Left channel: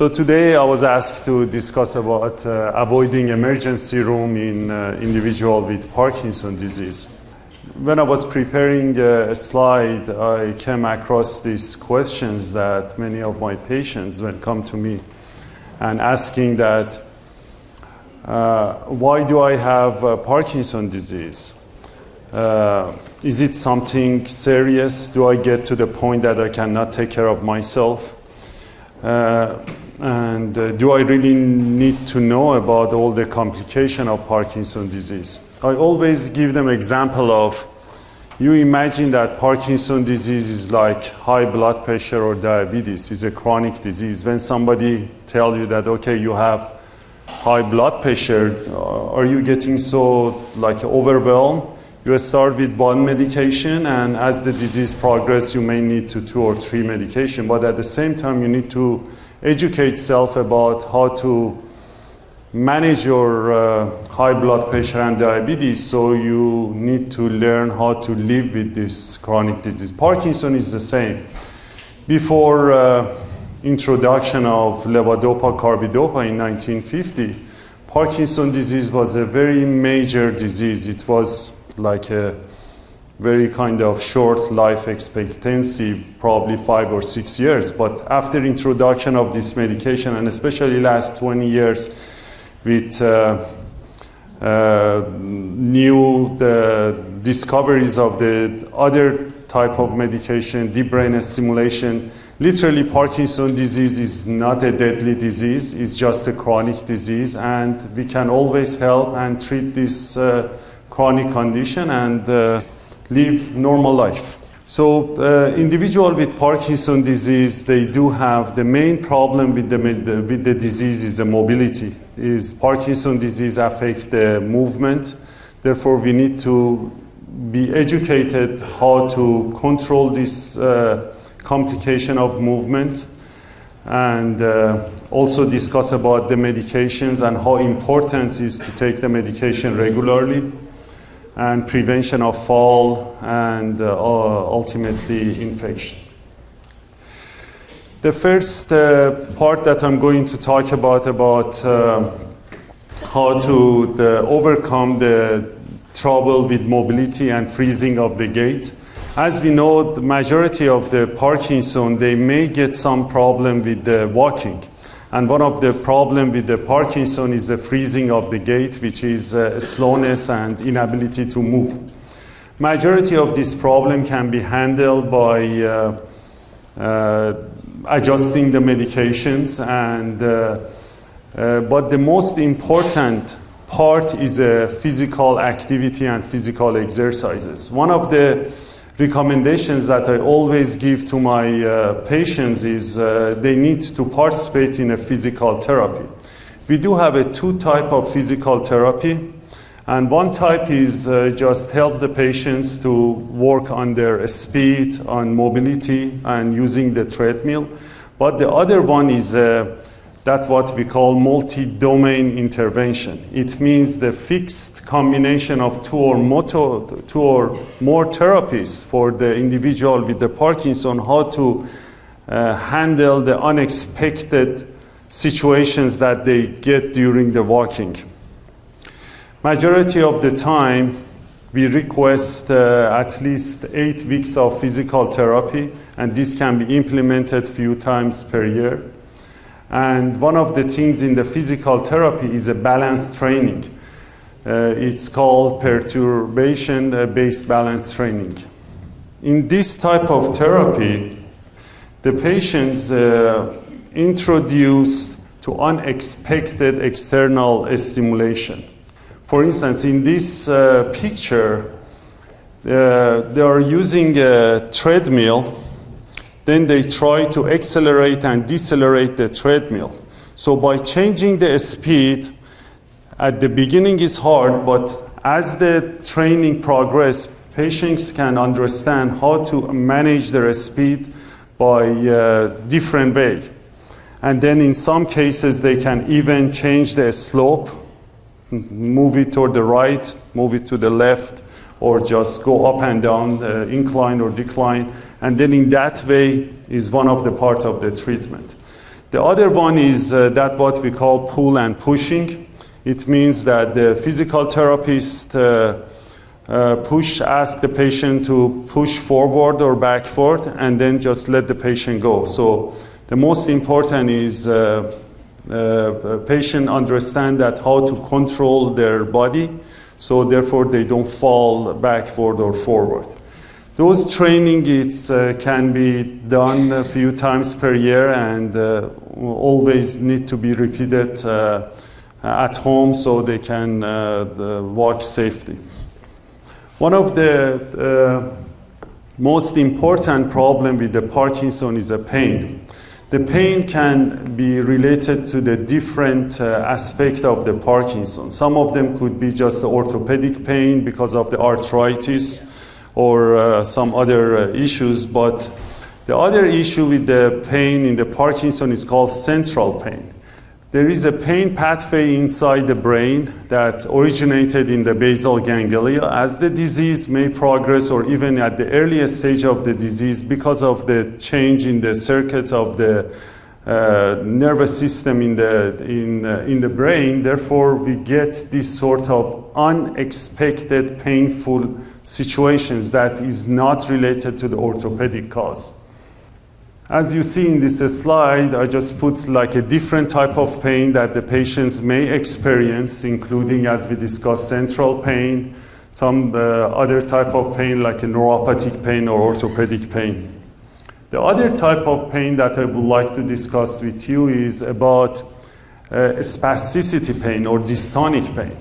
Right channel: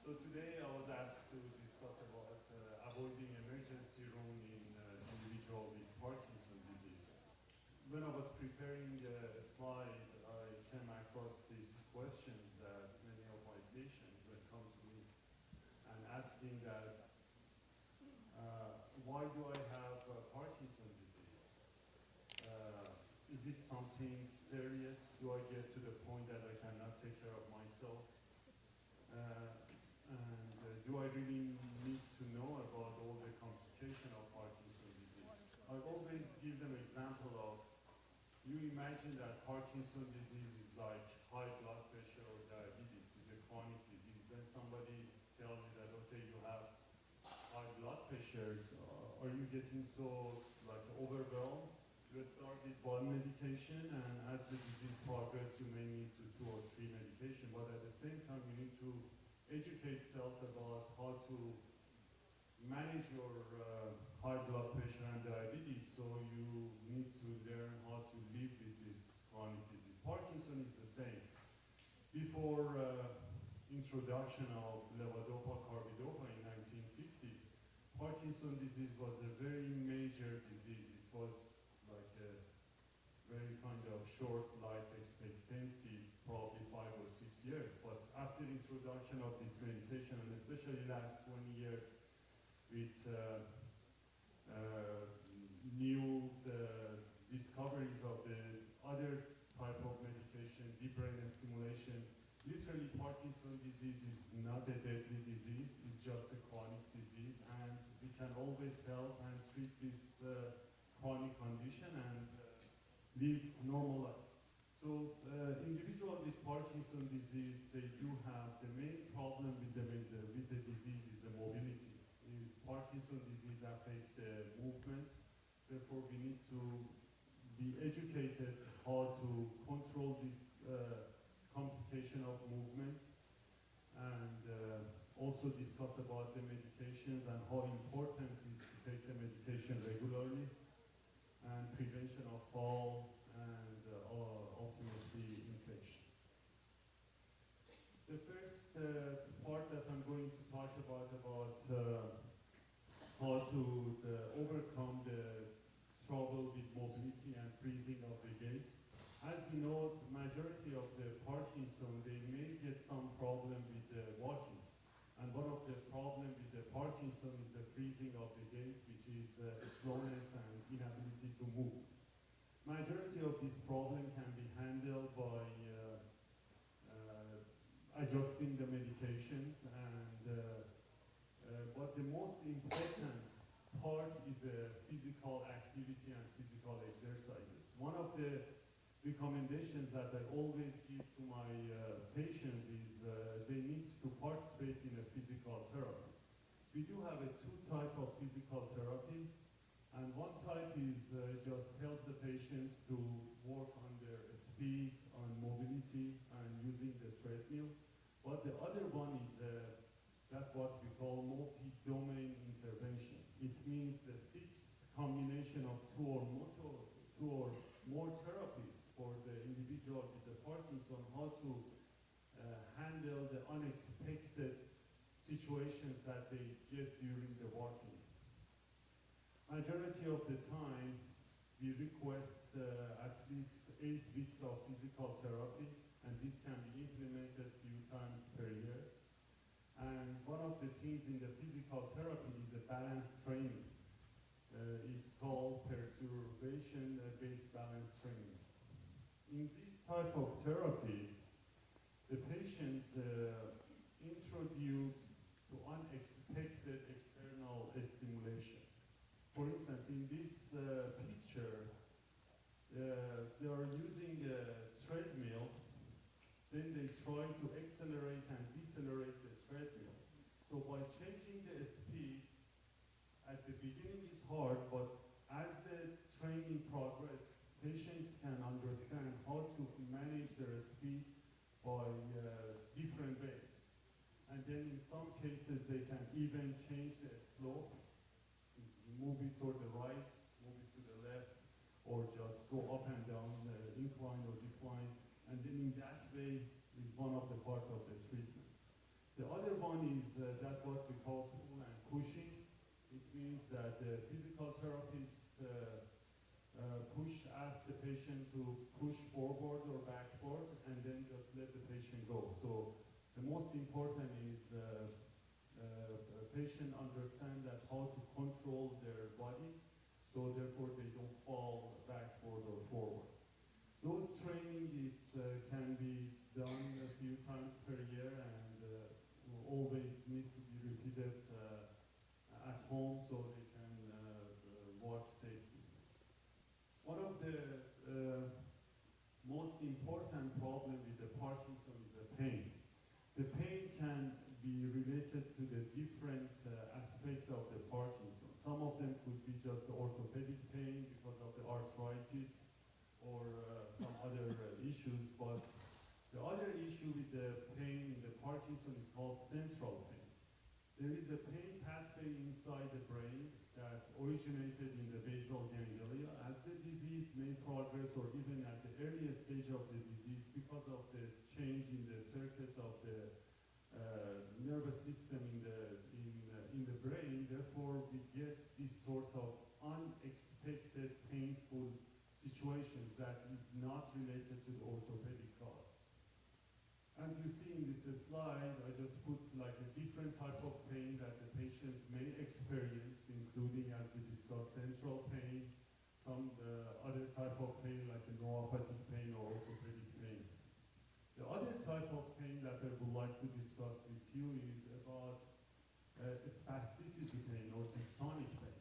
So today I was asked to discuss about avoiding emergency room in individual with Parkinson's disease. When I was preparing a slide, I came across these questions that many of my patients would come to me and asking that, why do I have Parkinson's disease? Is it something serious? Do I get to the point that I cannot take care of myself? And do I really need to know about all the complications of Parkinson's disease? I always give them example of, you imagine that Parkinson's disease is like high blood pressure or diabetes. It's a chronic disease. When somebody tells you that, okay, you have high blood pressure, are you getting so like overwhelmed? You start with one medication, and as the disease progresses, you may need 2 or 3 medications. But at the same time, you need to educate yourself about how to manage your high blood pressure and diabetes. So you need to learn how to live with this chronic disease. Parkinson's is the same. Before introduction of levodopa carbidopa in 1950, Parkinson's disease was a very major disease. It was like a very kind of short life expectancy, probably 5 or 6 years. But after introduction of this medication, and especially last 20 years with new discoveries of the other type of medication, deep brain stimulation, literally Parkinson's disease is not a deadly disease, it's just a chronic disease, and we can always help and treat this chronic condition and live normal life. So individual with Parkinson's disease, they do have the main problem with the disease is the mobility. Parkinson's disease affects the movement. Therefore, we need to be educated how to control this complication of movement, and also discuss about the medications and how important it is to take the medication regularly, and prevention of fall, and ultimately infection. The first part that I'm going to talk about how to overcome the trouble with mobility and freezing of the gait. As we know, the majority of the Parkinson, they may get some problem with the walking. And one of the problems with the Parkinson is the freezing of the gait, which is slowness and inability to move. Majority of this problem can be handled by adjusting the medications, but the most important part is physical activity and physical exercises. One of the recommendations that I always give to my patients is they need to participate in a physical therapy. We do have 2 types of physical therapy, and one type is just help the patients to work on their speed, on mobility, and using the treadmill. But the other one is that's what we call multi-domain intervention. It means the fixed combination of 2 or more therapies for the individual with the Parkinson, how to handle the unexpected situations that they get during the walking. Majority of the time, we request at least 8 weeks of physical therapy, and this can be implemented few times per year. And one of the things in the physical therapy is a balance training. It's called perturbation-based balance training. In this type of therapy, the patients introduced to unexpected external stimulation. For instance, in this picture, they are using a treadmill. Then they try to accelerate and decelerate the treadmill. So by changing the speed, at the beginning it's hard, but as the training progresses, patients can understand how to manage their speed by different way. And then in some cases, they can even change the slope, move it toward the right, move it to the left, or just go up and down, incline or decline. And then in that way is one of the parts of the treatment. The other one is that what we call pull and pushing. It means that the physical therapist ask the patient to push forward or backward, and then just let the patient go. So the most important is patient understand that how to control their body, so therefore they don't fall backward or forward. Those training can be done a few times per year and always need to be repeated at home so they can walk safely. One of the most important problem with the Parkinson is a pain. The pain can be related to the different aspect of the Parkinson. Some of them could be just the orthopedic pain because of the arthritis or some other issues, but the other issue with the pain in the Parkinson is called central pain. There is a pain pathway inside the brain that originated in the basal ganglia. As the disease may progress, or even at the earliest stage of the disease, because of the change in the circuits of the nervous system in the brain, therefore we get this sort of unexpected painful situations that is not related to the orthopedic cause. As you see in this slide, I just put like a different type of pain that the patients may experience, including, as we discussed, central pain, some other type of pain like a neuropathic pain or orthopedic pain. The other type of pain that I would like to discuss with you is about spasticity pain or dystonic pain.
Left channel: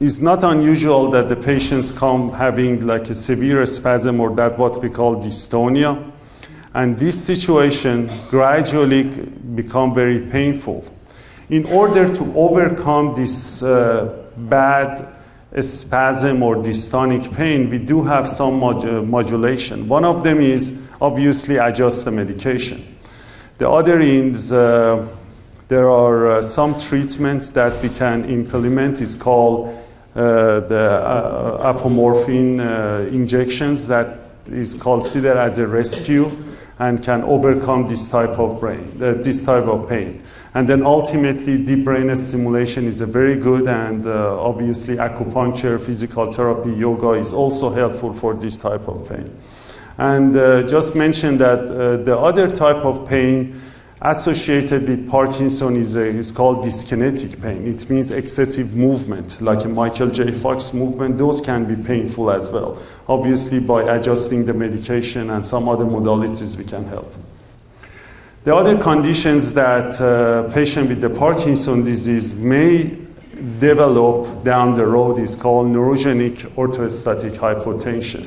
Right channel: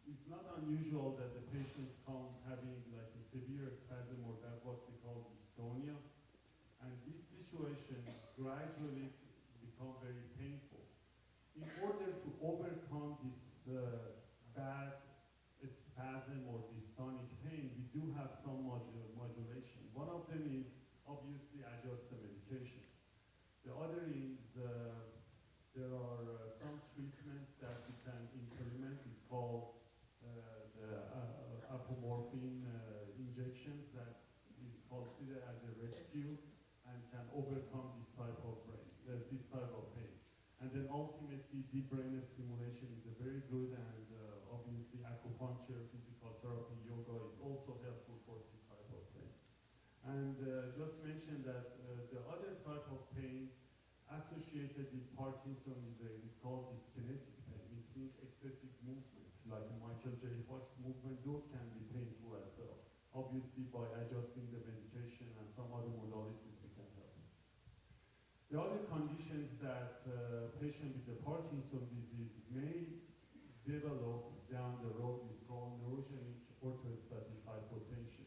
It's not unusual that the patients come having like a severe spasm or that what we call dystonia. And this situation gradually become very painful. In order to overcome this bad spasm or dystonic pain, we do have some modulation. One of them is obviously adjust the medication. The other is there are some treatments that we can implement. It's called the apomorphine injections that is considered as a rescue and can overcome this type of pain. And then ultimately, deep brain stimulation is a very good, and obviously acupuncture, physical therapy, yoga is also helpful for this type of pain. And just mention that the other type of pain associated with Parkinson is called dyskinetic pain. It means excessive movement, like a Michael J. Fox movement. Those can be painful as well. Obviously, by adjusting the medication and some other modalities, we can help. The other conditions that patient with the Parkinson disease may develop down the road is called neurogenic orthostatic hypotension.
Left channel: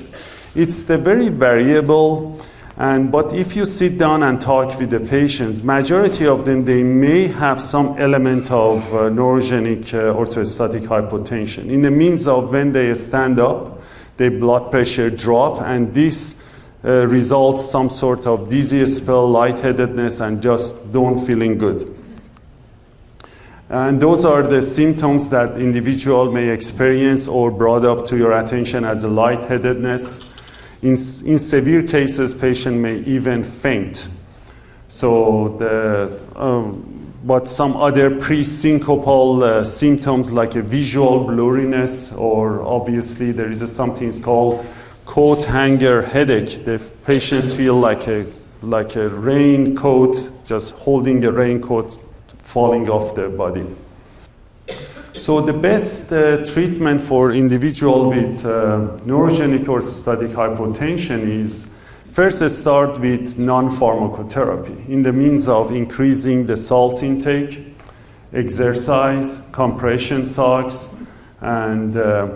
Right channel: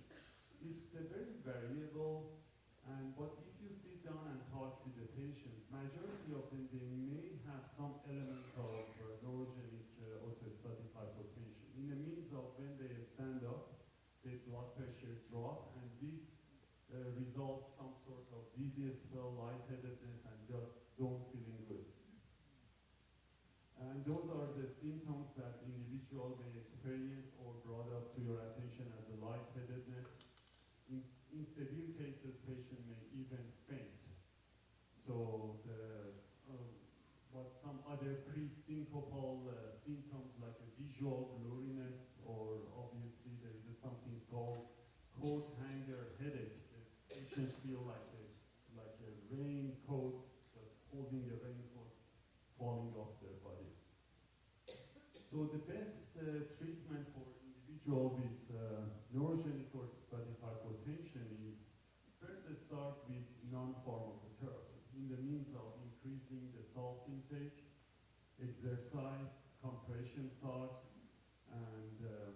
It's the very variable. But if you sit down and talk with the patients, majority of them, they may have some element of neurogenic orthostatic hypotension. In the means of when they stand up, their blood pressure drop, and this results some sort of dizzy spell, lightheadedness, and just don't feeling good. And those are the symptoms that individual may experience or brought up to your attention as a lightheadedness. In severe cases, patient may even faint. But some other pre-syncopal symptoms like a visual blurriness, or obviously there is something called coat hanger headache. The patient feel like a raincoat, just holding a raincoat falling off their body. So the best treatment for individual with neurogenic orthostatic hypotension is first start with non-pharmacotherapy in the means of increasing the salt intake, exercise, compression socks, and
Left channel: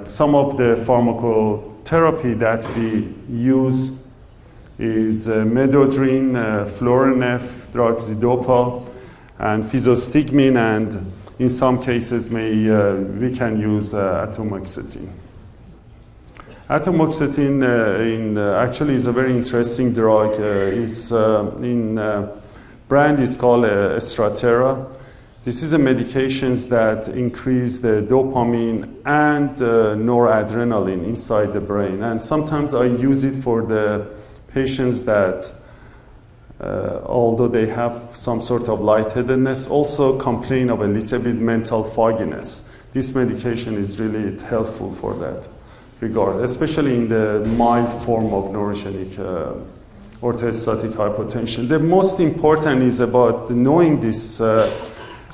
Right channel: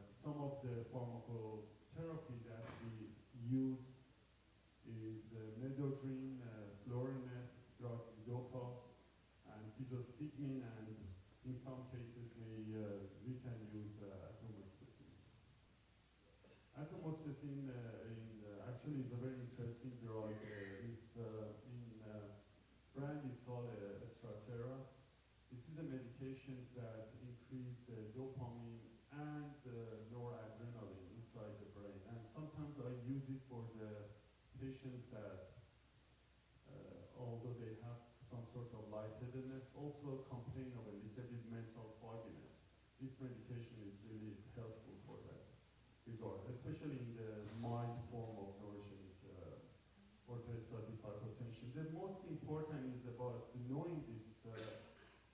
some of the pharmacotherapy that we use is medodrine, Florinef, droxidopa, and physostigmine, and in some cases, we can use atomoxetine. Atomoxetine actually is a very interesting drug. Brand is called Stratera. This is a medications that increase the dopamine and noradrenaline inside the brain. And sometimes I use it for the patients that although they have some sort of lightheadedness, also complain of a little bit mental fogginess. This medication is really helpful for that regard, especially in the mild form of neurogenic orthostatic hypotension. The most important is about knowing this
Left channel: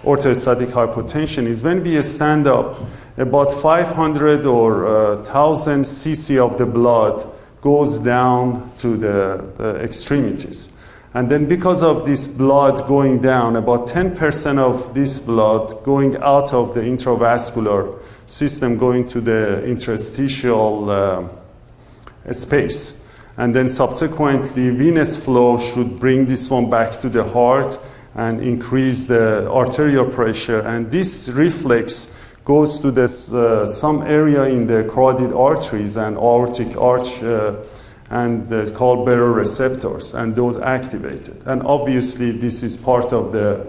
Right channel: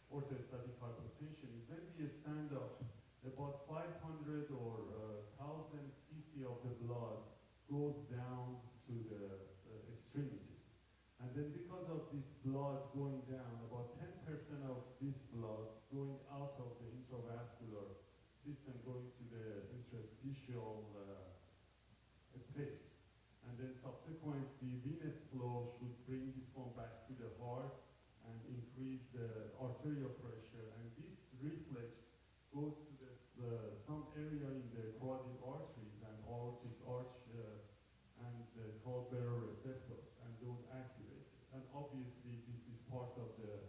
orthostatic hypotension is when we stand up, about 500 or 1,000 cc of the blood goes down to the extremities. And then because of this blood going down, about 10% of this blood going out of the intravascular system going to the interstitial space. And then subsequently, venous flow should bring this one back to the heart and increase the arterial pressure. And this reflex goes to this, some area in the carotid arteries and aortic arch and called baroreceptors, and those activated. And obviously, this is part of the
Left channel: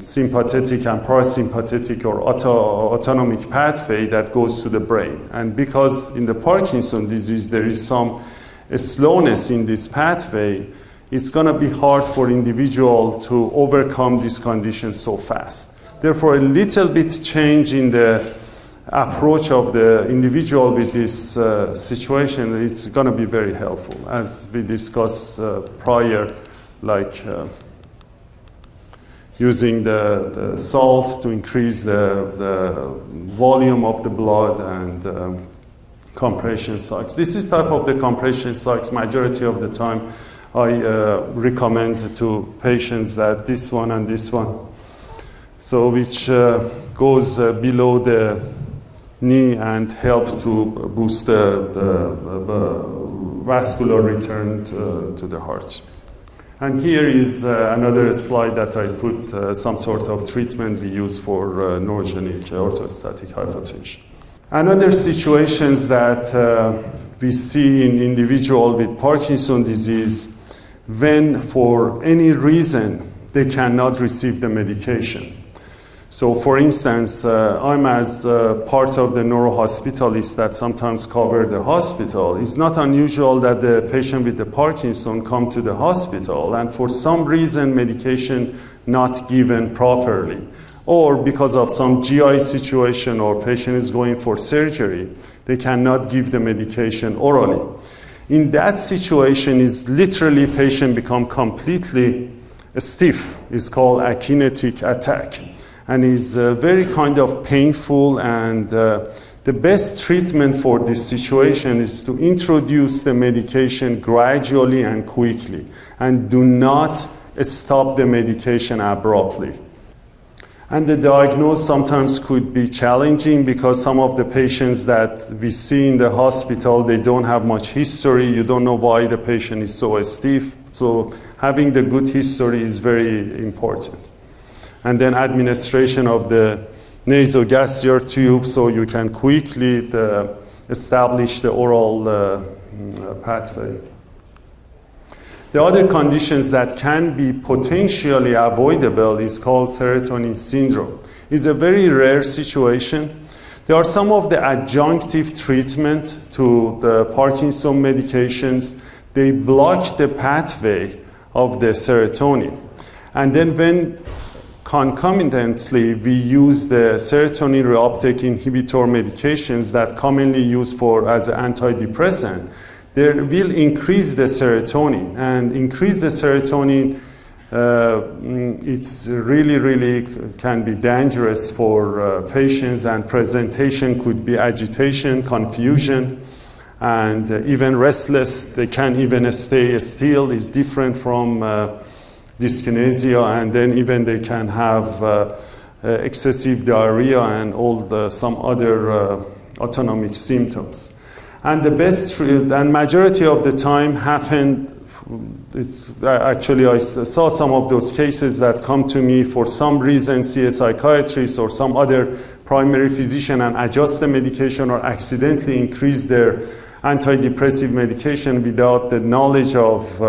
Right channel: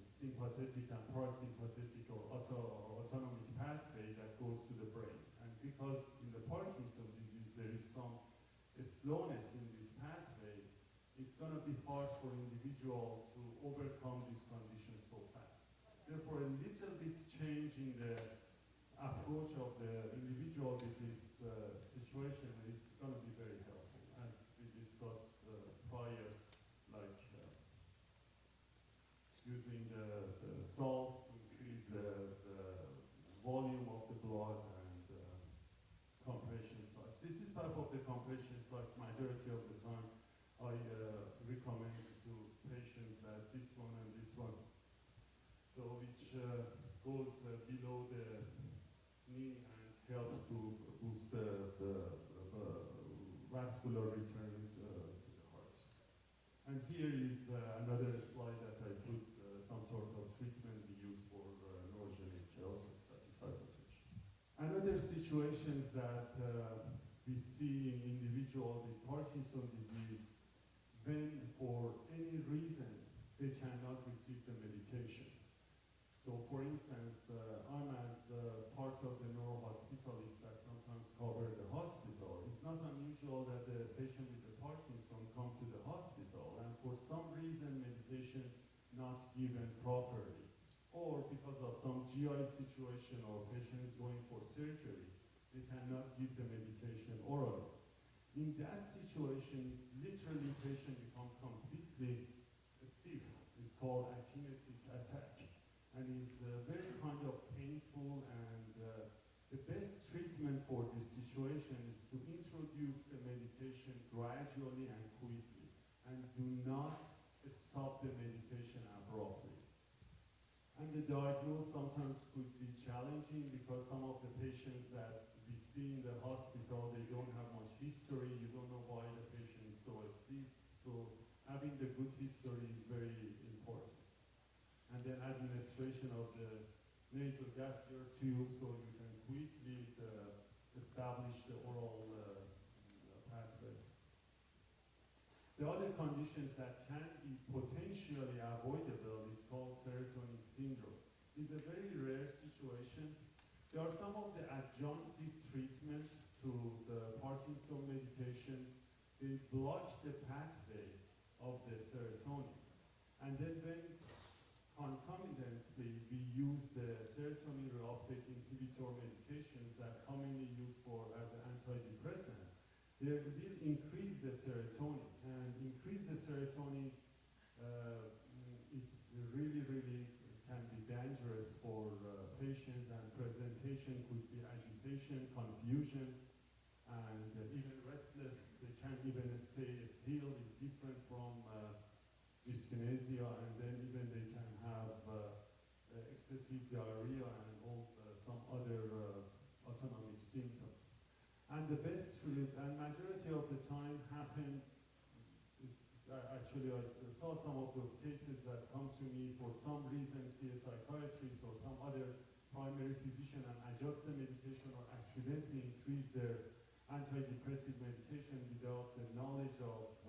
sympathetic and parasympathetic or autonomic pathway that goes to the brain. And because in the Parkinson disease there is some slowness in this pathway, it's going to be hard for individual to overcome this condition so fast. Therefore, a little bit change in the approach of the individual with this situation, it's going to be very helpful, as we discussed prior, like using the salt to increase the volume of the blood and compression socks. This is type of the compression socks. Majority of the time, I recommend to patients that this one and this one, so which goes below the knee and help to boost the vascular return to the heart. And here is another slide that I put some sort of treatment we use for neurogenic orthostatic hypotension. Another situations that we see in individual with Parkinson disease when for any reason they cannot receive the medication. So for instance, I'm as part of the neurohospitalists that sometimes cover the hospital. It's not unusual that the patient with the Parkinson come to the hospital and for some reason medication not given properly, or because of some GI situation or patient is going for surgery, they cannot give the medication orally. In that situation is literally patient become completely stiff. It's called akinetic attack. And is very kind of painful, and the best treatment for this situation is to introduce the medication gradually and quickly, and do not stop the medication abruptly. And the diagnosis sometimes could be challenging because some of the patients that we see in the hospital, they don't have much history. You don't know why the patient is so stiff. So having the good history is very important. And then administration of the nasogastric tube so you can quickly establish the oral pathway. The other conditions that can be potentially avoidable is called serotonin syndrome. It's a very rare situation. There are some of the adjunctive treatment to the Parkinson medications. They block the pathway of the serotonin. And then when concomitantly, we use the serotonin reuptake inhibitor medications that commonly used as an antidepressant. They will increase the serotonin, and increase the serotonin, it's really can be dangerous for patients, and presentation could be agitation, confusion, and even restless. They can't even stay still. It's different from dyskinesia, and then even they can have excessive diarrhea and some other autonomic symptoms. And the best and majority of the time happen. Actually, I saw some of those cases that come to me for some reason, see a psychiatrist or some other primary physician, and adjust the medication or accidentally increase their antidepressive medication without the knowledge of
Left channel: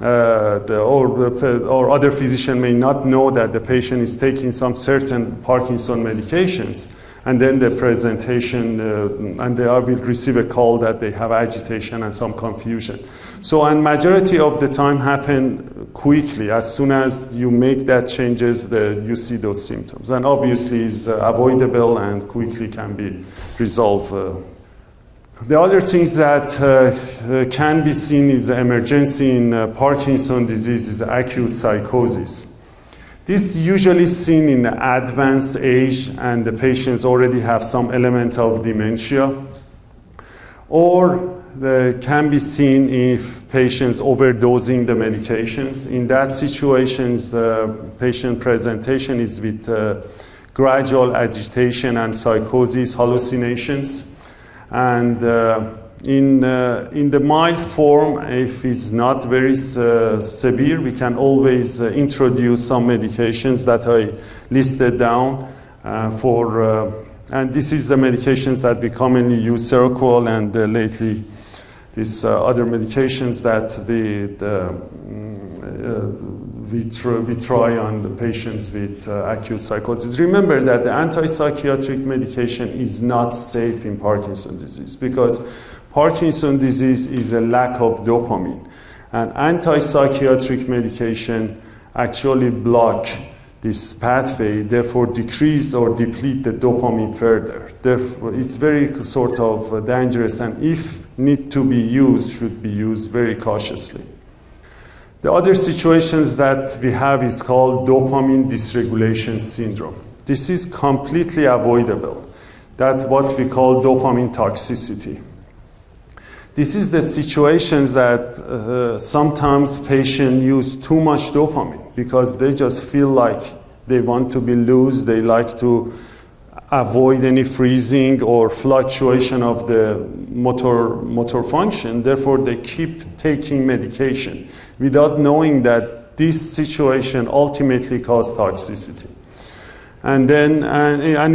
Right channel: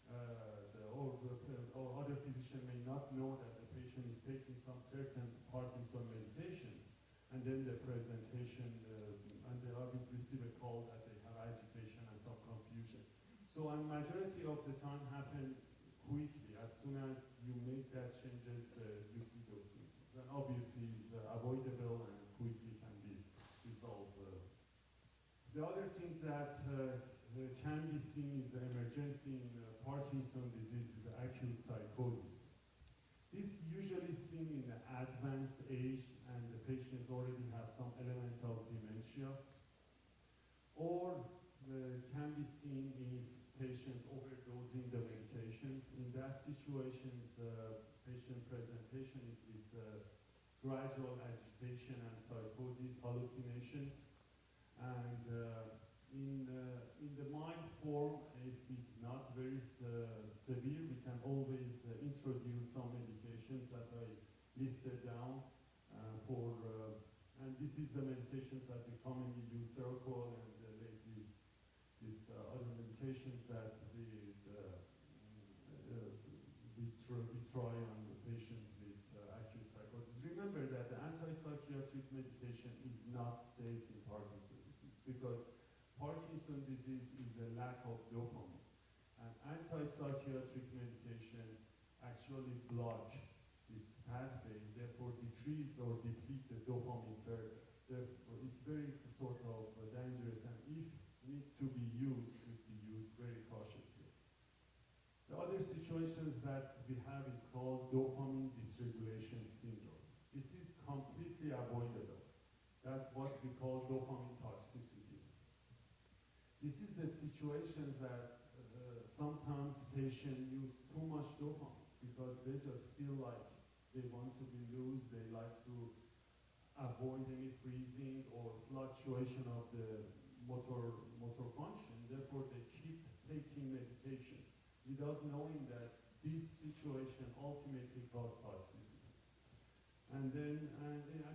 or other physician may not know that the patient is taking some certain Parkinson medications. And then the presentation, and they will receive a call that they have agitation and some confusion. So, and majority of the time happen quickly. As soon as you make that changes, you see those symptoms. And obviously is avoidable and quickly can be resolved. The other things that can be seen is emergency in Parkinson's disease is acute psychosis. This is usually seen in advanced age and the patients already have some element of dementia, or can be seen if patients overdosing the medications. In that situations, the patient presentation is with gradual agitation and psychosis, hallucinations. And in the mild form, if it's not very severe, we can always introduce some medications that I listed down and this is the medications that we commonly use, Seroquel, and lately these other medications that we try on the patients with acute psychosis. Remember that the antipsychotic medication is not safe in Parkinson's disease because Parkinson's disease is a lack of dopamine, and antipsychiatric medication actually block this pathway, therefore decrease or deplete the dopamine further. Therefore, it's very sort of dangerous, and if need to be used, should be used very cautiously. The other situations that we have is called dopamine dysregulation syndrome. This is completely avoidable. That's what we call dopamine toxicity. This is the situations that sometimes patients use too much dopamine because they just feel like they want to be loose, they like to avoid any freezing or fluctuation of the motor function. Therefore, they keep taking medication without knowing that this situation ultimately causes toxicity. And then,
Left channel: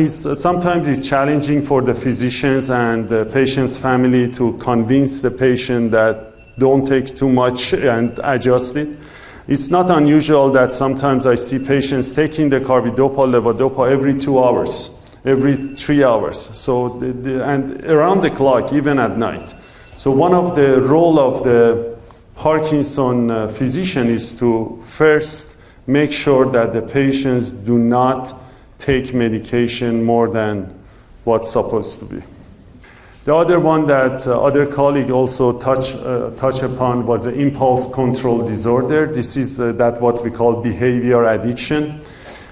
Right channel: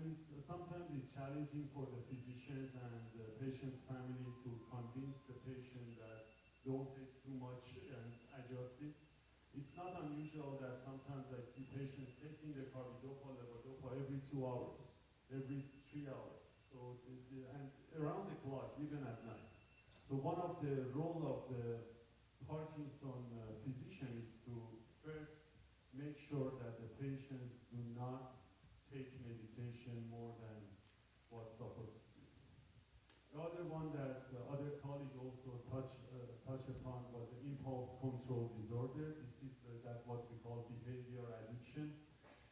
sometimes it's challenging for the physicians and the patient's family to convince the patient that don't take too much and adjust it. It's not unusual that sometimes I see patients taking the carbidopa, levodopa every 2 hours, every 3 hours. So, and around the clock, even at night. So one of the role of the Parkinson physician is to first make sure that the patients do not take medication more than what's supposed to be. The other one that other colleague also touch upon was the impulse control disorder. This is that what we call behavior addiction.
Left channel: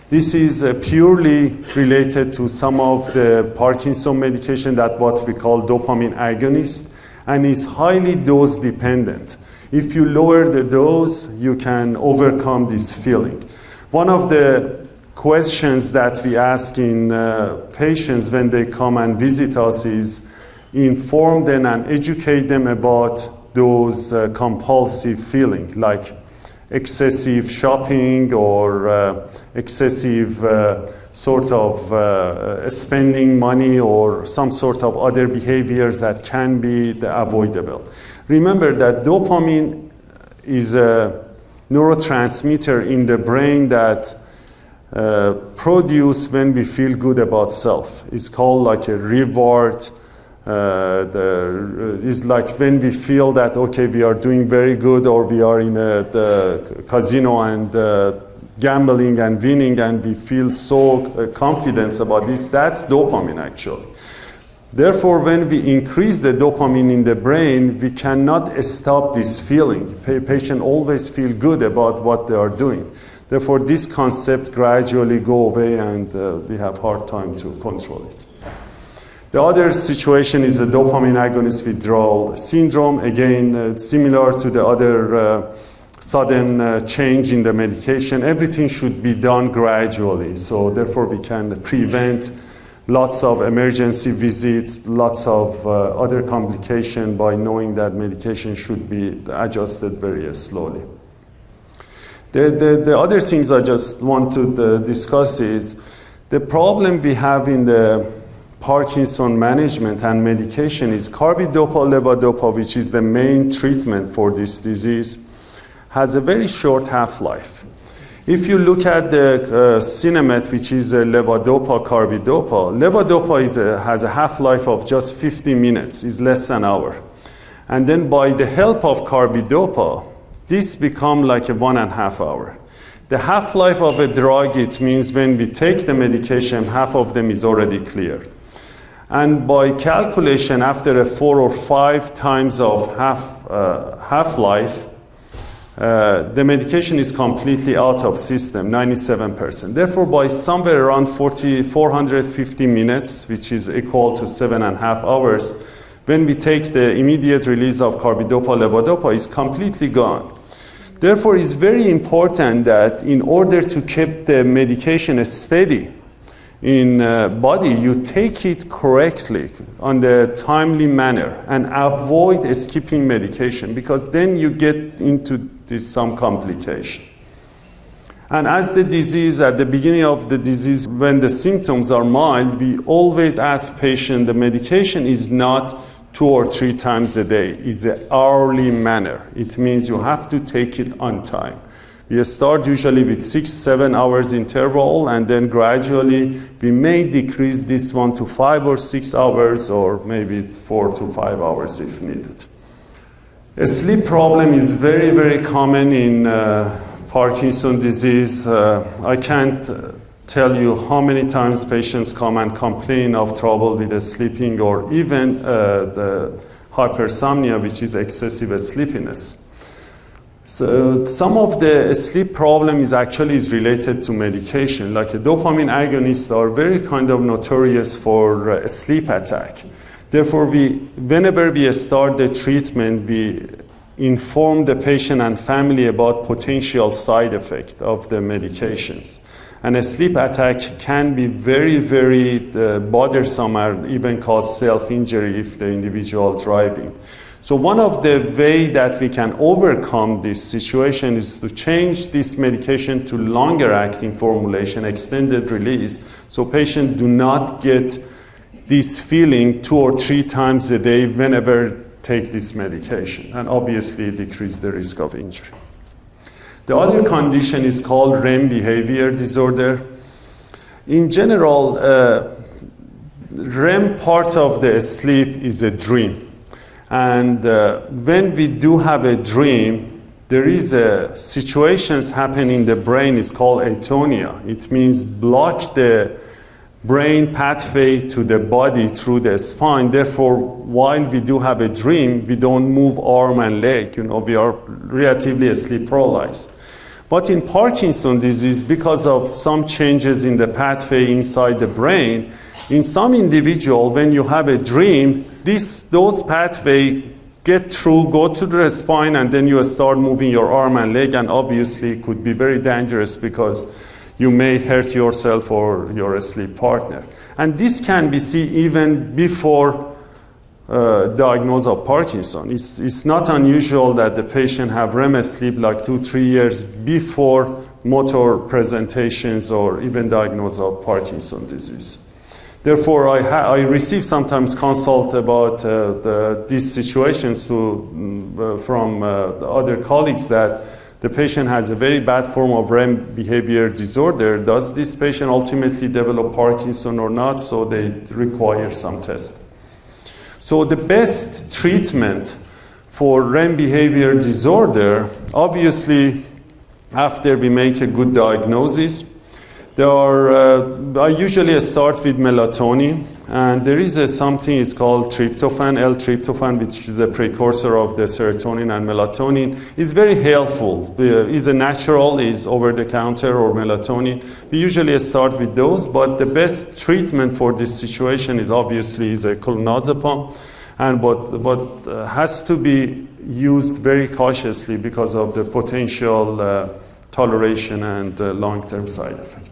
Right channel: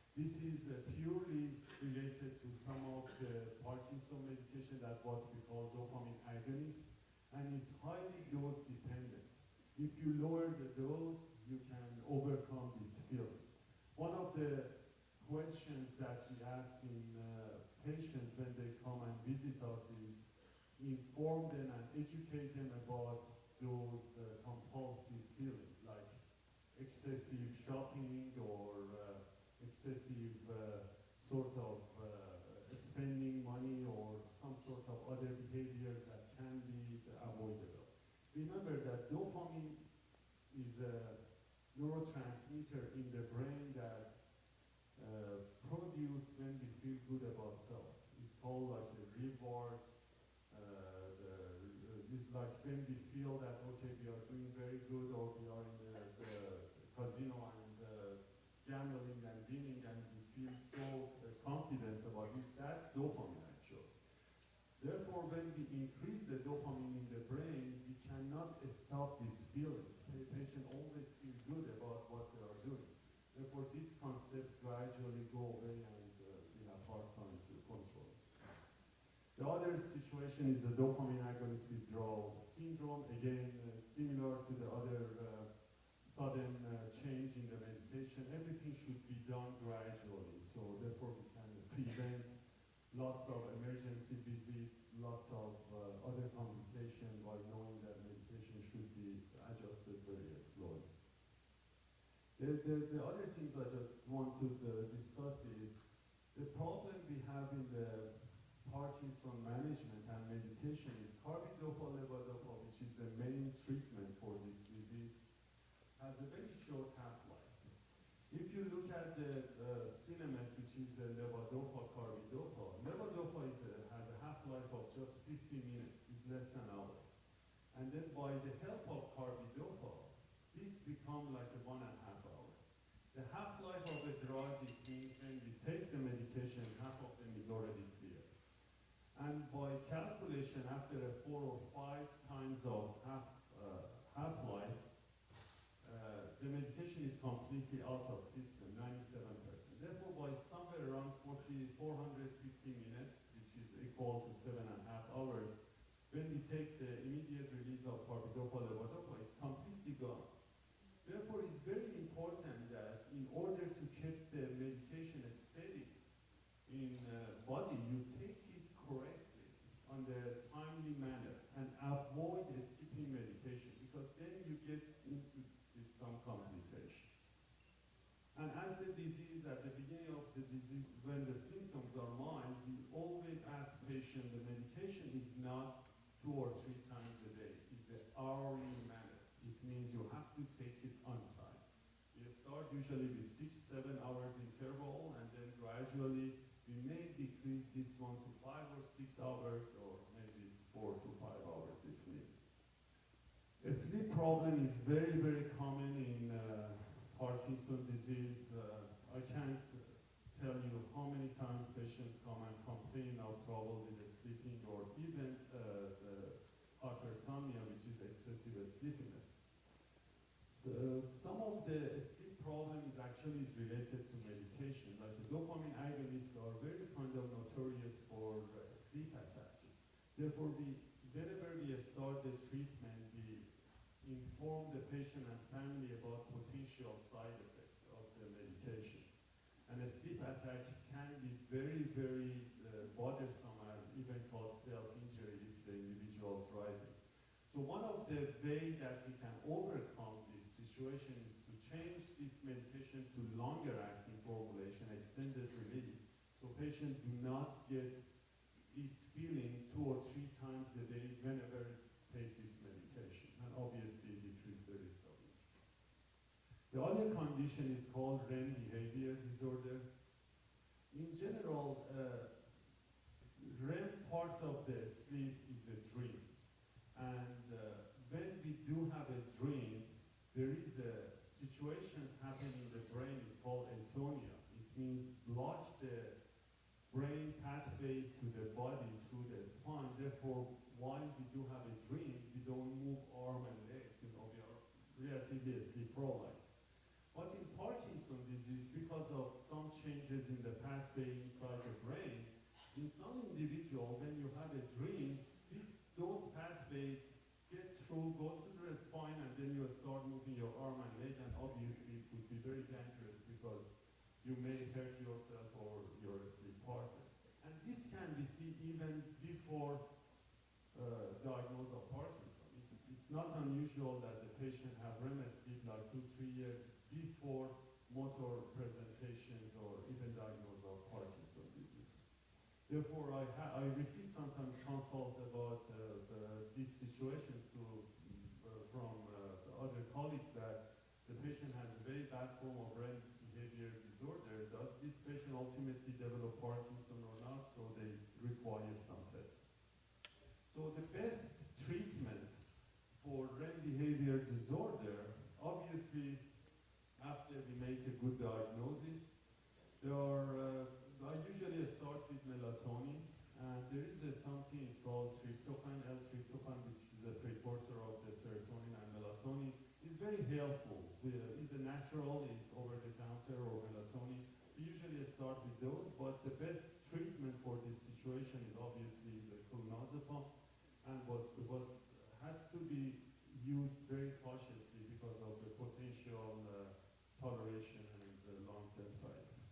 This is purely related to some of the Parkinson medication that what we call dopamine agonist, and is highly dose dependent. If you lower the dose, you can overcome this feeling. One of the questions that we ask in patients when they come and visit us is inform them and educate them about those compulsive feelings like excessive shopping or excessive sort of spending money or some sort of other behaviors that can be avoidable. Remember that dopamine is a neurotransmitter in the brain that produce when we feel good about self. It's called like a reward. It's like when we feel that, okay, we are doing very good, or we are in the casino and gambling and winning, and we feel so confident about this. That's dopamine, actually. Therefore, when we increase the dopamine in the brain, we cannot stop this feeling. Patient always feel good about what they are doing. Therefore, this concept gradually go away, and we have hard time to control it. The other situation is the dopamine agonist withdrawal syndrome. Again, similar to the other sudden change in the medication. Everything should be done gradually. So therefore, we can prevent lots of emergency visits, lots of other complications by knowing that medication should be adjusted very slowly. The other things I just want to discuss is the problem we have in the Parkinson management and medication is carbidopa, levodopa, which is the main treatment for this disease, has a very short half-life. If you look at the Cinemet, which is a levodopa carbidopa, levodopa has a half-life of just 50 minutes, is less than an hour. And then by the help of carbidopa, this becomes like a 1.5 hour. The half-life of a drug, it means when we take the medication, half of them is already cleared. And by calculation, after 4 or 5 times of half-life, the medication is completely out of system, 97%. Therefore, by somewhere around 450 minutes, which is equal to 7.5 hours, when we take the immediate release of carbidopa, levodopa is completely gone. Therefore, it's very important that in order to keep the medication steady in body, you take it correctly on the timely manner and avoid skipping medication, because then you get into some complication. And as the disease, at the beginning of the disease, when the symptoms are mild, we always ask patients the medication is not 2 or 3 times a day, it's an hourly manner. It means you have to take it on time. We start usually with 6-7 hours interval, and then gradually we may decrease this one to 5 or 6 hours, or maybe 4 to 5 hours if needed. A sleep problem is very, very common in Parkinson's disease. I can't tell you how many times patients come and complain of trouble with the sleeping, or even the hypersomnia, which is excessive sleepiness. So some of the sleep problem is related to medication. Like a dopamine agonists are very kind of notorious for a sleep attack. Therefore, whenever we start the treatment, we inform the patient and family about potential side effects of the medications. And a sleep attack can be very, very bothersome, or even cause self-injury if the individual driving. So one of the ways that we can overcome this situation is to change this medication to longer acting formulation, extended release, so patients do not get this feeling 2 or 3 times a day whenever take this medication, and obviously decrease the risk of injury. The other condition is called REM behavior disorder. In general, REM part of the sleep is a dream. And when we do have a dream, there is situations happen in the brain, it's called atonia. It means block the brain pathway to the body through the spine. Therefore, while we do have a dream, we don't move arm and leg. We are relatively sleep paralyzed. But in Parkinson's disease, because of some changes in the pathway inside the brain, in some individual, when you have a dream, those pathways get through, go to the spine, and then you start moving your arm and leg, and obviously it could be very dangerous because you may hurt yourself or your sleep partner. And this can be seen even before diagnosis of Parkinson's. It's not unusual that the patient have REM sleep like 2-3 years before motor presentations or even diagnosis of Parkinson's disease. Therefore, I receive sometimes consult about these situations from the other colleagues that the patient has a very bad form of REM behavior disorder. Does this patient ultimately develop Parkinson or not? So they require some tests. So the best treatment for REM behavior disorder, obviously, after we make a good diagnosis, I usually start with melatonin, and there is something is called tryptophan, L-tryptophan, which is a precursor of the serotonin and melatonin. It's very helpful. It's a natural, is over-the-counter or melatonin. We usually start with those, but the best treatment for this situation is obviously a clonazepam, and but has to be used very cautiously because of the potential toleration and long-term side effect.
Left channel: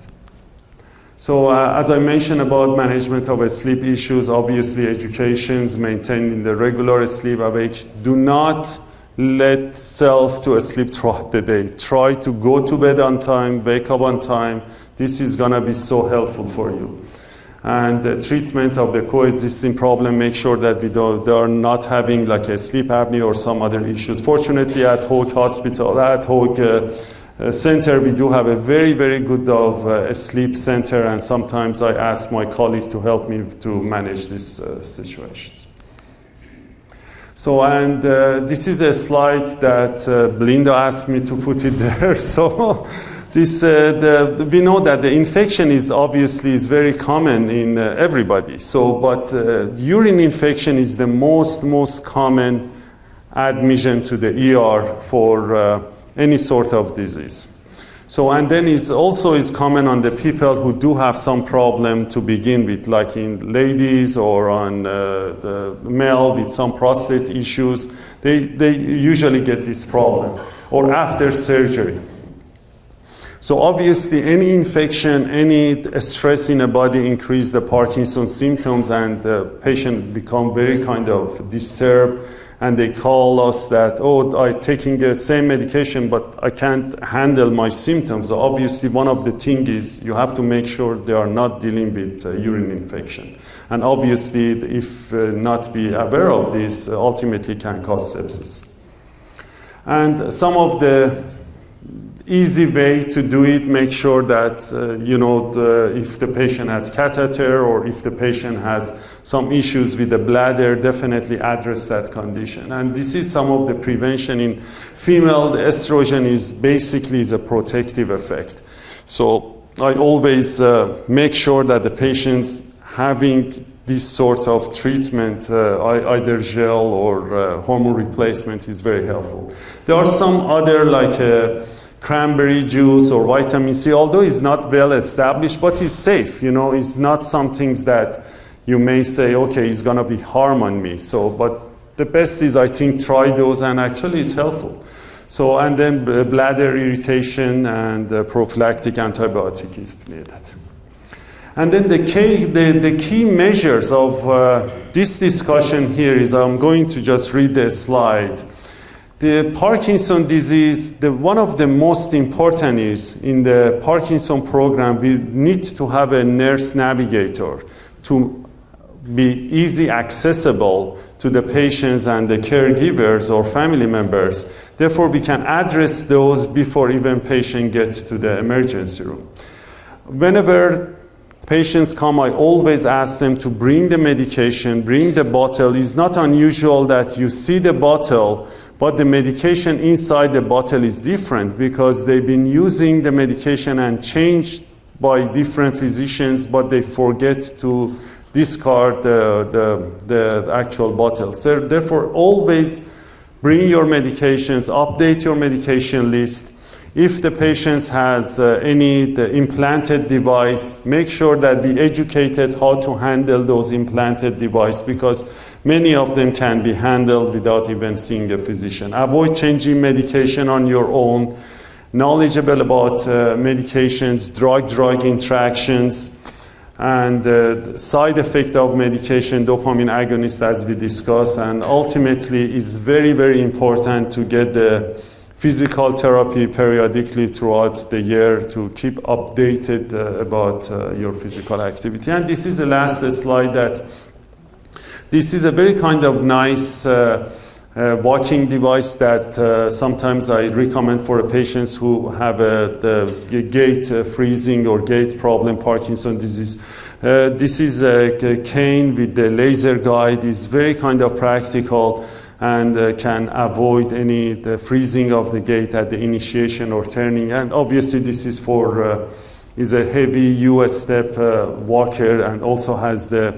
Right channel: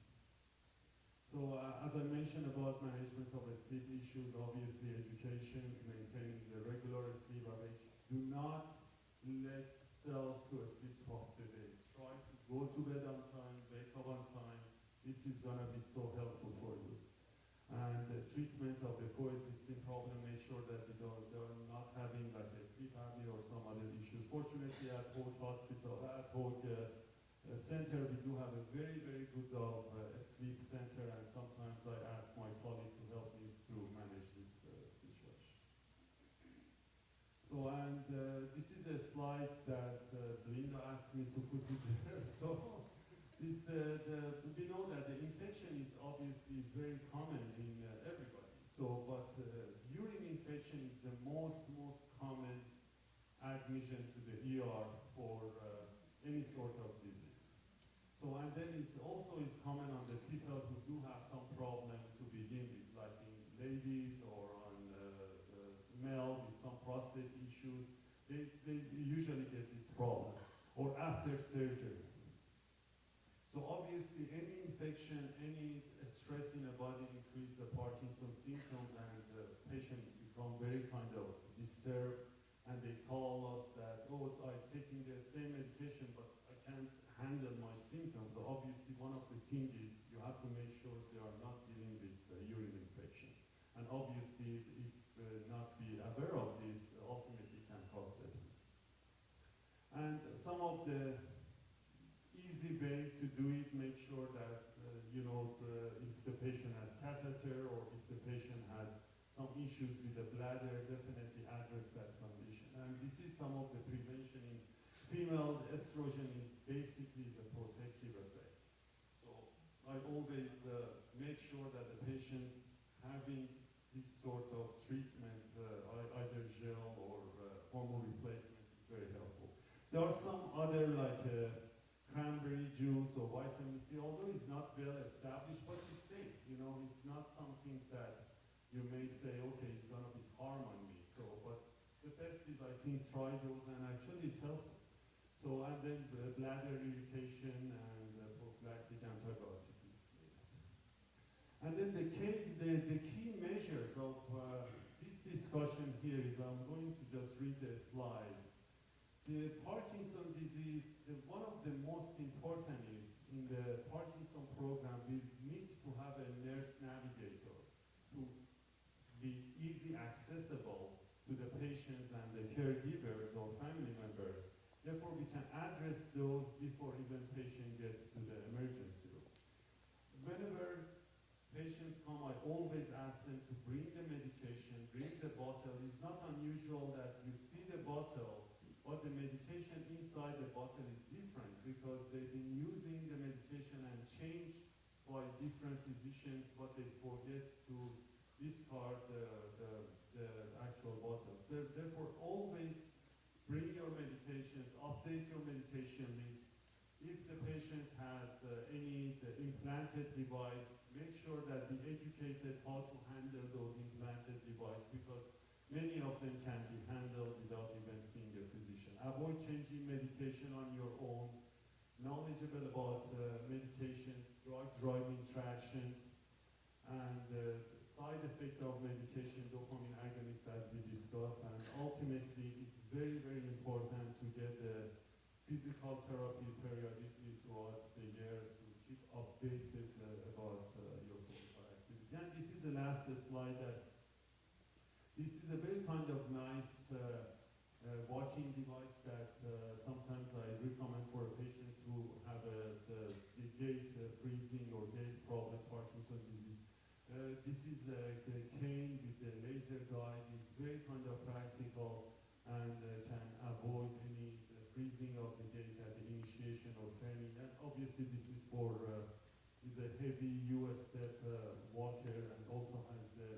So as I mentioned about management of sleep issues, obviously educations, maintaining the regular sleep awake. Do not let self to sleep throughout the day. Try to go to bed on time, wake up on time. This is gonna be so helpful for you. And the treatment of the coexisting problem, make sure that they are not having like a sleep apnea or some other issues. Fortunately at Hoag Hospital, at Hoag, center, we do have a very, very good sleep center, and sometimes I ask my colleague to help me to manage these situations. So, and this is a slide that Belinda asked me to put it there. So, this, we know that the infection is obviously very common in everybody. So, but urine infection is the most common admission to the ER for any sort of disease. So, and then it's also common on the people who do have some problem to begin with, like in ladies or on the male with some prostate issues. They usually get this problem, or after surgery. So obviously any infection, any stress in the body increase the Parkinson's symptoms, and the patient become very kind of disturbed, and they call us that, oh, I'm taking the same medication, but I can't handle my symptoms. So obviously one of the things is you have to make sure they are not dealing with urine infection. And obviously if not be aware of this, ultimately can cause sepsis. And some of the easy way to do it, make sure that, if the patient has catheter or if the patient has some issues with the bladder, definitely address that condition. And this is some of the prevention in female. The estrogen is basically a protective effect. So I always make sure that the patient's having this sort of treatment, either gel or hormone replacement, is very helpful. There are some other, like cranberry juice or vitamin C, although it's not well established, but it's safe. It's not some things that you may say, okay, it's gonna be harm on me. So, but the best is, I think, try those, and actually it's helpful. So, and then bladder irritation and prophylactic antibiotic is needed. And then the key measures of this discussion here is, I'm going to just read the slide. The Parkinson disease, one of the most important is, in the Parkinson program, we need to have a nurse navigator to be easy accessible to the patients and the caregivers or family members. Therefore, we can address those before even patient gets to the emergency room. Whenever patients come, I always ask them to bring the medication, bring the bottle. It's not unusual that you see the bottle, but the medication inside the bottle is different because they've been using the medication and changed by different physicians, but they forget to discard the actual bottle. So therefore, always bring your medications, update your medication list. If the patient has the implanted device, make sure that be educated how to handle those implanted devices, because many of them can be handled without even seeing a physician. Avoid changing medication on your own. Knowledgeable about medications, drug-drug interactions, and the side effect of medication, dopamine agonist, as we discussed. And ultimately, it's very, very important to get the physical therapy periodically throughout the year to keep updated about your physical activity. And this is the last slide. That this is a very kind of nice walking device that sometimes I recommend for patients who have the gait freezing or gait problem, Parkinson's disease. This is a cane with the laser guide. It's very kind of practical and can avoid the freezing of the gait at the initiation or turning. And obviously this is is a heavy US step walker, and also has the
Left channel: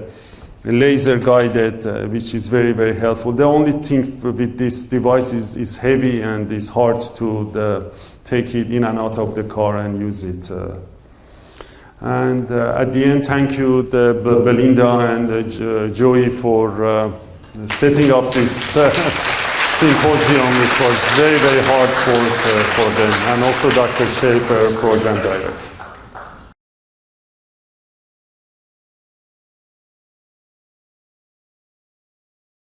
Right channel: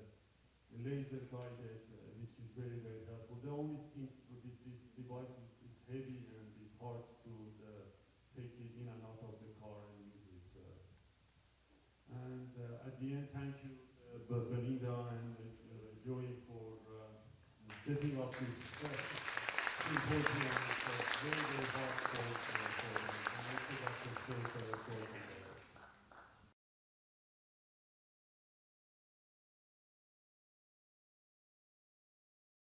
laser guided, which is very, very helpful. The only thing with this device is heavy and it's hard to take it in and out of the car and use it. And at the end, thank you, Belinda and Joey, for setting up this symposium, which was very, very hard for them, and also Dr. Schaefer, program director.